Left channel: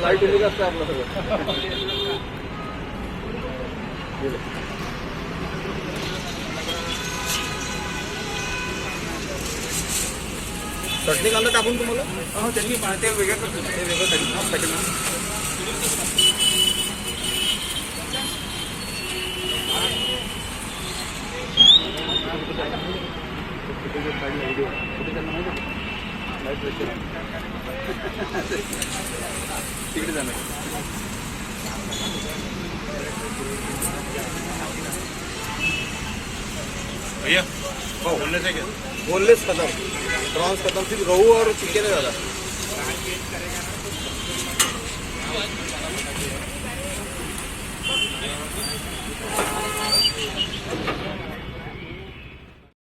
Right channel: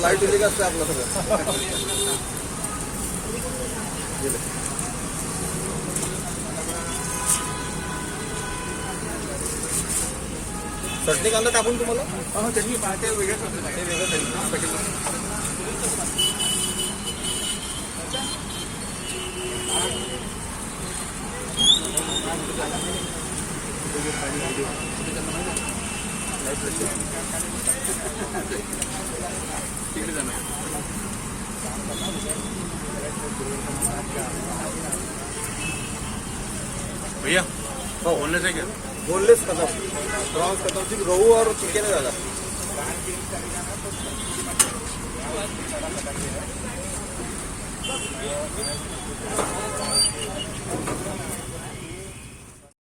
Light दिली का आपलं सगळं चटणी कांदा टाकून तुम्हाला चटणी पाहते वेगळं भैया बोनलेस है क्या? बोनलेस खत्म, प्रॉन्स खत्म, सिर्फ रोहू और चिकन है दादा।